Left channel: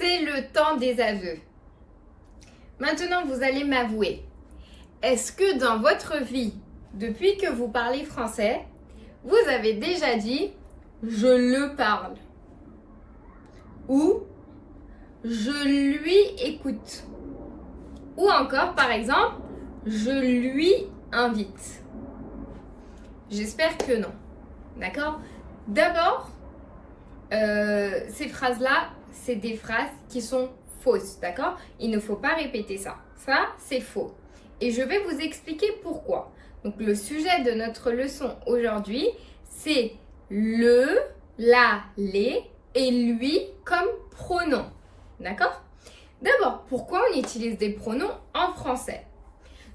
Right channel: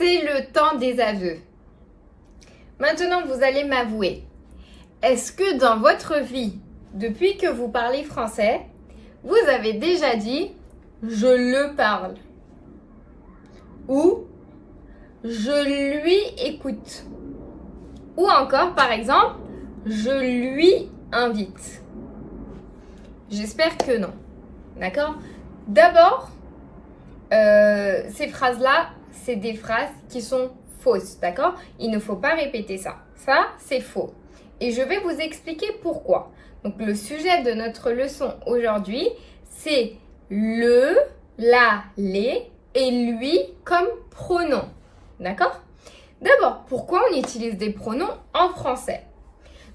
c'est le temps des aveux. Maintenant, vous allez m'avouer. Est-ce que dans votre vie, depuis que vous parlez français, vous avez déjà dit « je le parle » ou « je lui écoute » ou encore, par exemple, « je lui invite ». J'espère que non. D'accord? D'abord, ces phrases-là, c'est des phrases qui sont fausses. D'accord? Il ne faut pas répéter ça. Ça, c'est faux. Et je vais vous expliquer pourquoi. Donc, le sujet de notre leçon aujourd'hui, c'est le, la, les et lui comme pronom. D'accord? D'abord, pourquoi on utilise des pronoms en français?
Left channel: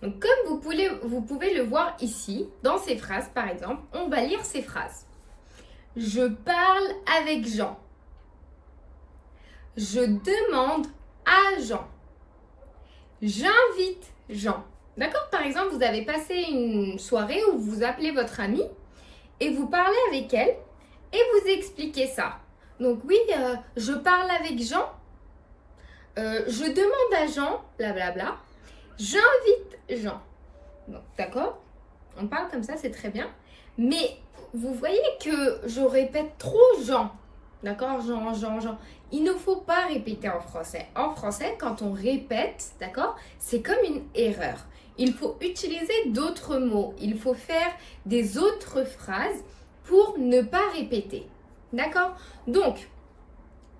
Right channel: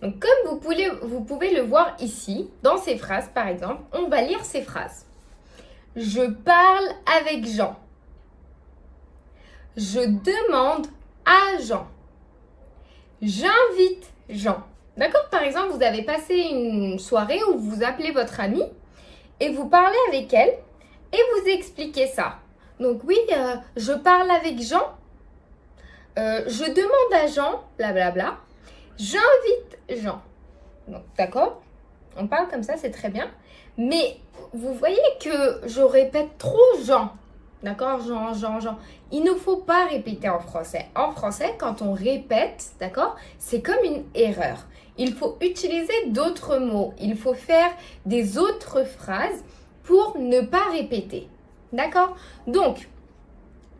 Donc, comme vous pouvez le voir ici, dans ces phrases, par exemple, on va lire ces phrases. Je parle avec Jean. Je demande à Jean. J'invite Jean. D'accord? Par exemple, vous avez passé une soirée où vous appelez votre amie et vous parlez avec elle et vous expliquez ça. Donc oui, je parle avec Jean. Je demande à Jean, blablabla. J'invite Jean. Donc, d'accord? On parle comme ça, c'est très bien. Mais vous voyez que je répète trop Jean. D'accord? Jean, Jean, Jean. Il ne faut pas répéter en français. En français, quand on répète, d'accord, c'est comme une erreur. Il faut utiliser d'autres mots. Il faut faire des autres phrases pour ne pas répéter. D'accord? Donc,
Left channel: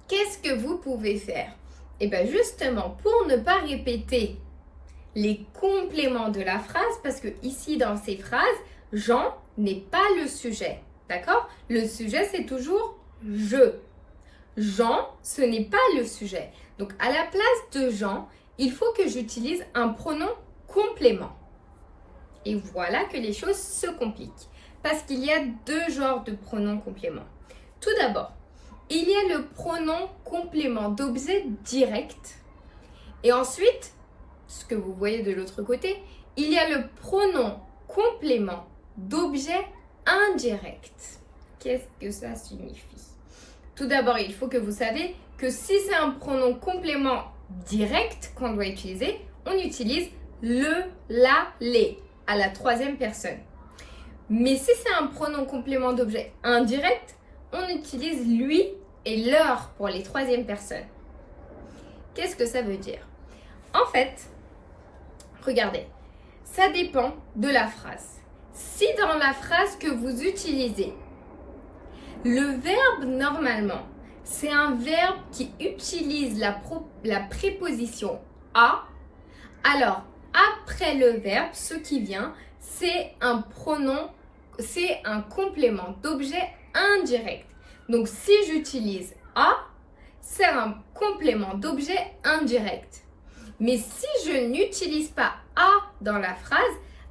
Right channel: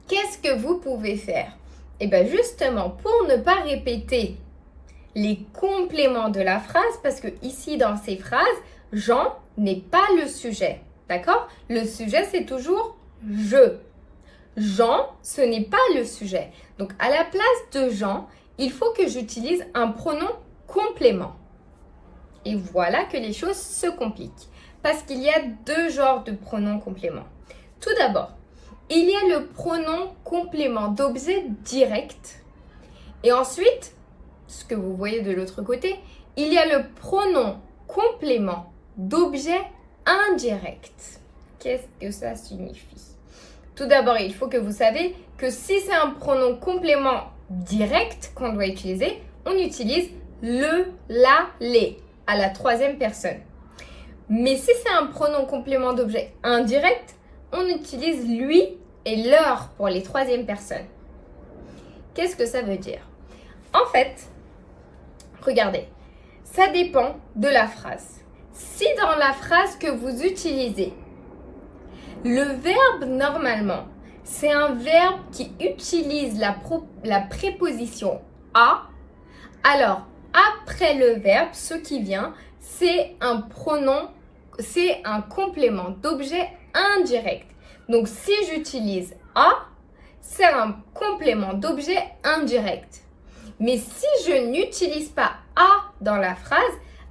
qu'est-ce que vous pouvez faire? Eh bien, justement, pour ne pas répéter les compléments de la phrase, parce que ici, dans ces phrases, Jean n'est pas le sujet. D'accord? Le sujet, c'est toujours je. Jean, ce n'est pas le sujet. Donc, à la place de Jean, il faut que j'utilise un pronom complément. Et voilà que les choses se compliquent. Parce qu'il y a deux genres de pronoms compléments. Tout d'abord, il y a le pronom complément d'objet direct. Et ensuite, ce que vous voyez de l'autre côté, il y a le pronom complément d'objet indirect. Qu'est-ce que ça signifie? Tout d'abord, il faut que vous saviez que si c'est un pronom complément direct qu'on doit utiliser, on utilise le, la, les à la troisième personne. Mais si c'est un pronom complément d'objet indirect, on utilise lui et leur pour les troisième personnes. Qu'est-ce que ça veut dire? En fait, regardez, ça dépend de la phrase. Si dans la phrase que vous utilisez, le verbe normalement, c'est un verbe qui utilise la préposition à, alors après le verbe, ce qui vient, c'est un pronom, c'est un complément d'objet indirect. Donc si j'utilise à, c'est un complément d'objet indirect. Mais si je n'utilise pas à dans la phrase,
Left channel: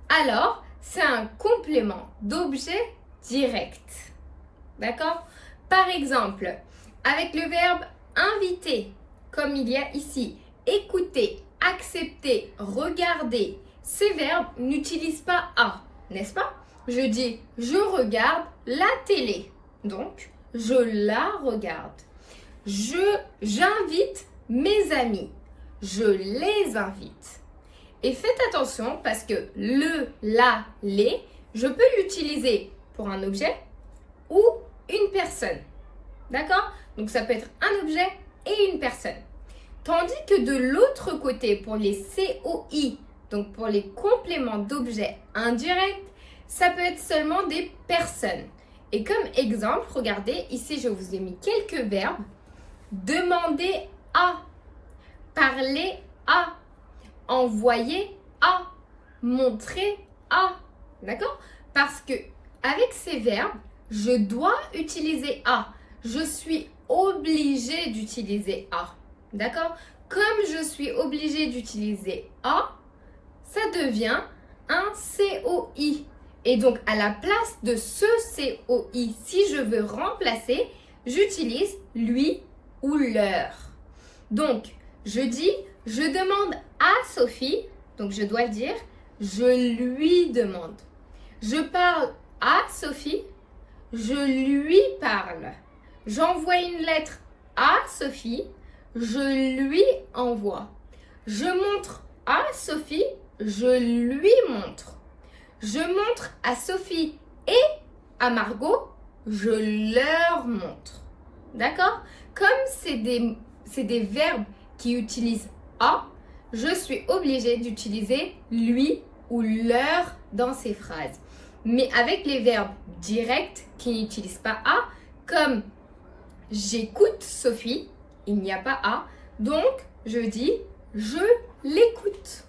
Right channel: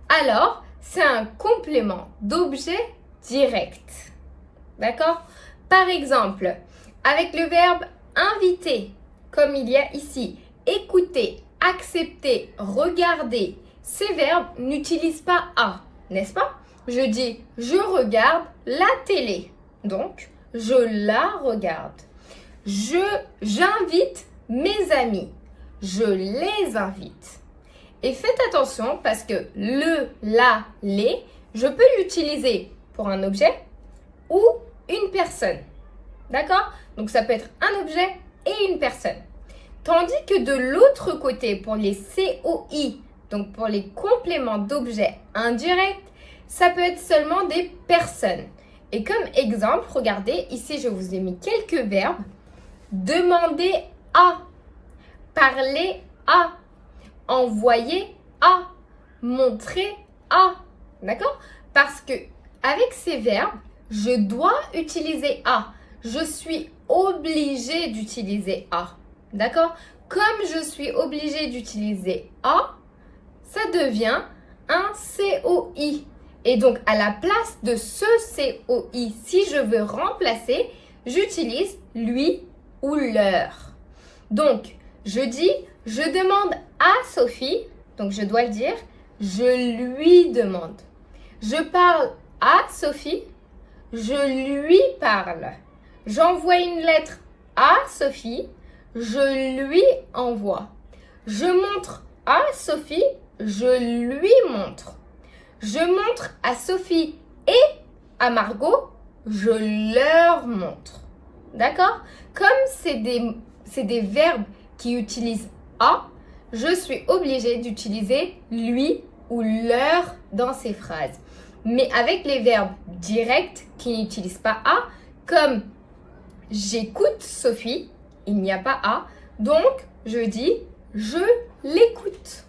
alors c'est un complément d'objet direct. D'accord? Par exemple, avec le verbe inviter, comme il y a ici, écouter, accepter, regarder, ces verbes n'utilisent pas à, n'est-ce pas? Je dis je regarde la télé, donc je la regarde. J'invite mes amis. Je les invite. Et faites attention parce que le, la, les, je peux l'utiliser pour un objet ou une personne. D'accord? Donc ça peut être un objet et une personne. Tandis que de l'autre côté, pour les COI, donc pour les compléments d'objets indirects, ça peut être seulement des personnes. Et comme exemple, regardez, ici je vous ai mis quelques verbes. Demander à, parler à, envoyer à, montrer à. D'accord? Parce que avec ces verbes, je dois utiliser à. Je suis obligée d'utiliser à. D'accord? Comme je suis obligée d'utiliser à, ça devient un COI. Et donc, à la place de ce COI, si je veux remplacer, j'utilise lui ou leur. Donc, je dis, je demande à Sophie, donc je dois le dire, je lui demande. Je parle à Sophie, je lui parle. J'envoie une lettre à Sophie, je lui envoie. Je montre à Sophie, je lui montre. Je montre à Sophie et à Margot, je leur montre. D'accord? Comme c'est des verbes qui utilisent à, je suis obligée d'utiliser lui ou leur dans ces phrases. Mais avec les verbes directs qui n'utilisent pas à, comme j'écoute Sophie, il n'y a pas à, donc je dis je l'écoute.